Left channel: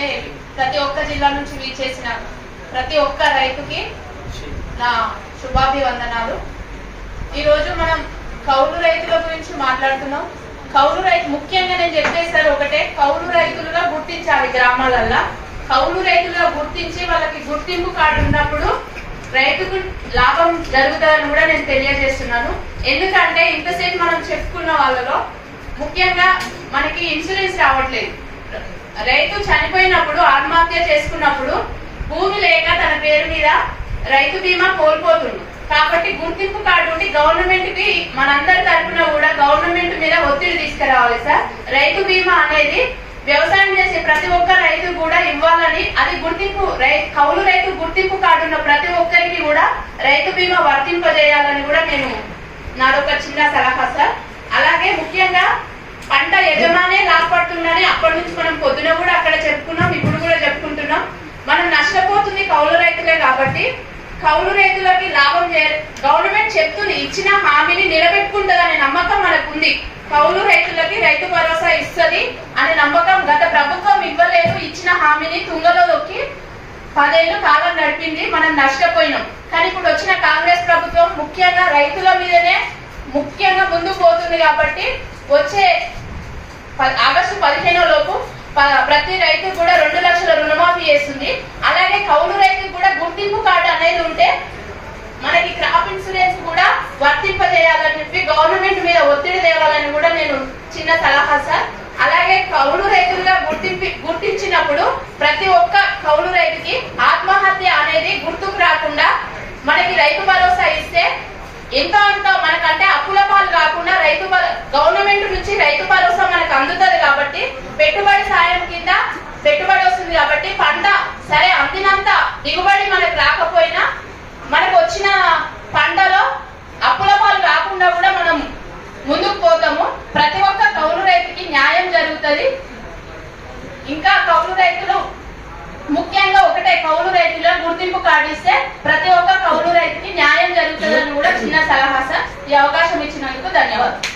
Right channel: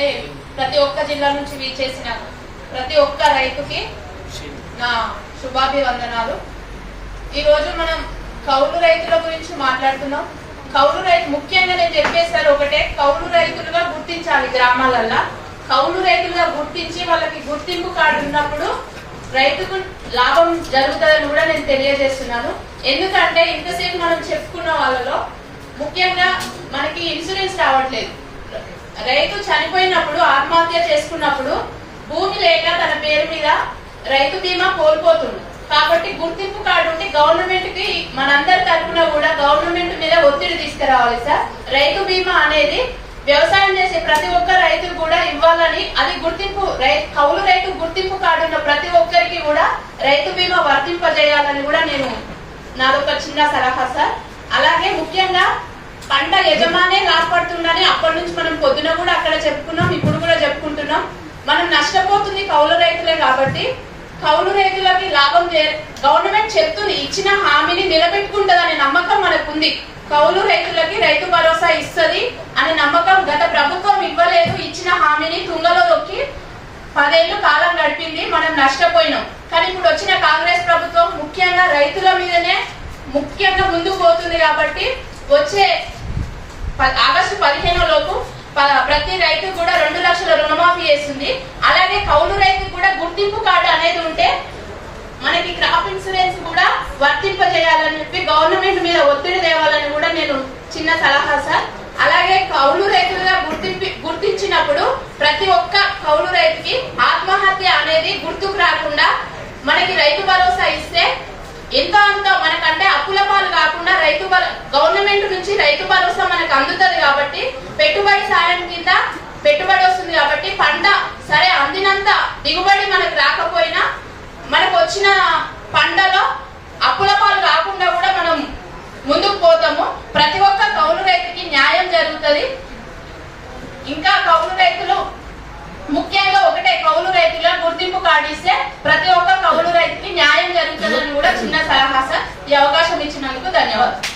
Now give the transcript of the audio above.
అంటే ప్రతి ఒక్క జిల్లా నుంచి వీచేసిన ప్రతి ఒక్క రైతుకి నా శుభాభివందనాలు. ఈరోజు మనం కౌలు రైతుల గురించి మాట్లాడుతున్నాం కౌలు రైతు ముఖ్యంగా నేను చెప్పేసారు ఒకటే కౌలు రైతులుగా గుర్తించాలి గ్రామాలల్లో. కౌలు రైతులుగా గుర్తించి వాళ్ళకి గుర్తింపు కార్డు ఉన్నప్పుడు రైతుకు లాభం జరుగుతుందని కూడా నేను తెలియజేస్తున్నాను. ఎందుకంటే ఇంతసేపు మనం చెప్పుకున్న వాళ్ళలో ముఖ్యంగా మనకి ఇన్సూరెన్స్ రావట్లేదు. రైతు చనిపోయినప్పుడు ఆత్మహత్య చేసుకున్నప్పుడు భూమి లేక తన పేరు మీద రైతు బీమా కోల్పోతుంది. కాబట్టి గుర్తింపు కార్డు ఉండి గవర్నమెంట్కి మనందరి తరఫున కూడా గవర్నమెంట్ మీద ఒత్తిడి తీసుకురావాలి సార్. రైతు బీమా అనేది వ్యవసాయం చేసే ప్రతి ఒక్క రైతు కూడా ఇవ్వాలని అది గుర్తింపు రై- కౌలు రైతు గుర్తింపు కార్డు ఉన్న ప్రతి ఒక్కరికి కూడా రైతు బీమా వర్తింపజేయాలని కూడా నేను నాదొక చిన్న సలహా సార్. అలాగే ముఖ్యంగా పంట యజమానే లాభపడుతుందని అప్పటి నుంచి మనం పొద్దున కూడా అక్కడ చెప్పుకున్నాం ఇప్పుడు కూడా చెప్పుకుంటున్నాం. మనం నష్టపోతుంది కౌలు రైతులే కాబట్టి కౌలు రైతులకి లాభం గవర్నమెంట్ చెప్తుంది ఇచ్చిన హామీని నిలబెట్టుకుంటుందనే నమ్మకం మనకుంది. కౌలు రైతులకి రైతు భరోసా ఇస్తుంది అనే నమ్మకం గత ప్రభుత్వం ఇవ్వలేదు ఇచ్చిన హామీని తుంగలో దొక్కి పదేళ్ళు కాలం గడిపింది మనం నష్టపోయినాం. కానీ ఇప్పుడు వచ్చిన కాంగ్రెస్ ప్రభుత్వం ముఖ్యంగా రైతుల మీదనే ముఖ్యంగా ముందుకు పోతుంది కాబట్టి వచ్చే ప్రతి రైతు కూడా రెండు లక్షల రుణమాఫీ చేస్తుంది. అలాగే కౌలు రైతు కూడా గుర్తింపు కార్డు అనేది ఉంటే మనకి క్రాప్ ఇన్సూరెన్స్ కూడా వర్తింపజేయాలని చెప్పి గవర్నమెంట్ మీద ఒత్తిడి తేవాలని కూడా నేను చిన్న సలహా సార్. అలాగే కౌలు రైతులుగా గుర్తింపి గుర్తించినప్పుడు ప్రతి ఒక్క కౌలు రైతుకి ఆత్మహత్య అనేది గుర్తుకు రాకుండా మనకి రైతు భరోసా ఇస్తే ఎంతో అంత మనకంటే అప్పుల పాలు కాకుండా రైతు గవర్నమెంట్ నుంచి రైతు భరోసా మనకు అందుతుంది. పెట్టుబడి సాయం కింద పెట్టుబడి వస్తుంది కాబట్టి పంట సరే అందినంత దిగుబడి మనకు రాకపోయినా మనకు వచ్చిన పంటలో అప్పుల పాలు కాకుండా కూడా మనం ముందుకు పోతాము. ప్రతి ఒక్క కౌలు రైతుకి న్యాయం జరుగుతుంది. ఇంకా కౌలు రైతులు ముఖ్యంగా ఒకటే కౌలు రైతుల గుర్తింపు కార్డు ఇస్తే ప్రతి ఒక్క కౌలు రైతుకి న్యాయం జరుగుతుందని కూడా చిన్న సలహా సార్. ఈ అవకాశం ఇచ్చినందుకు ధన్యవాదాలు.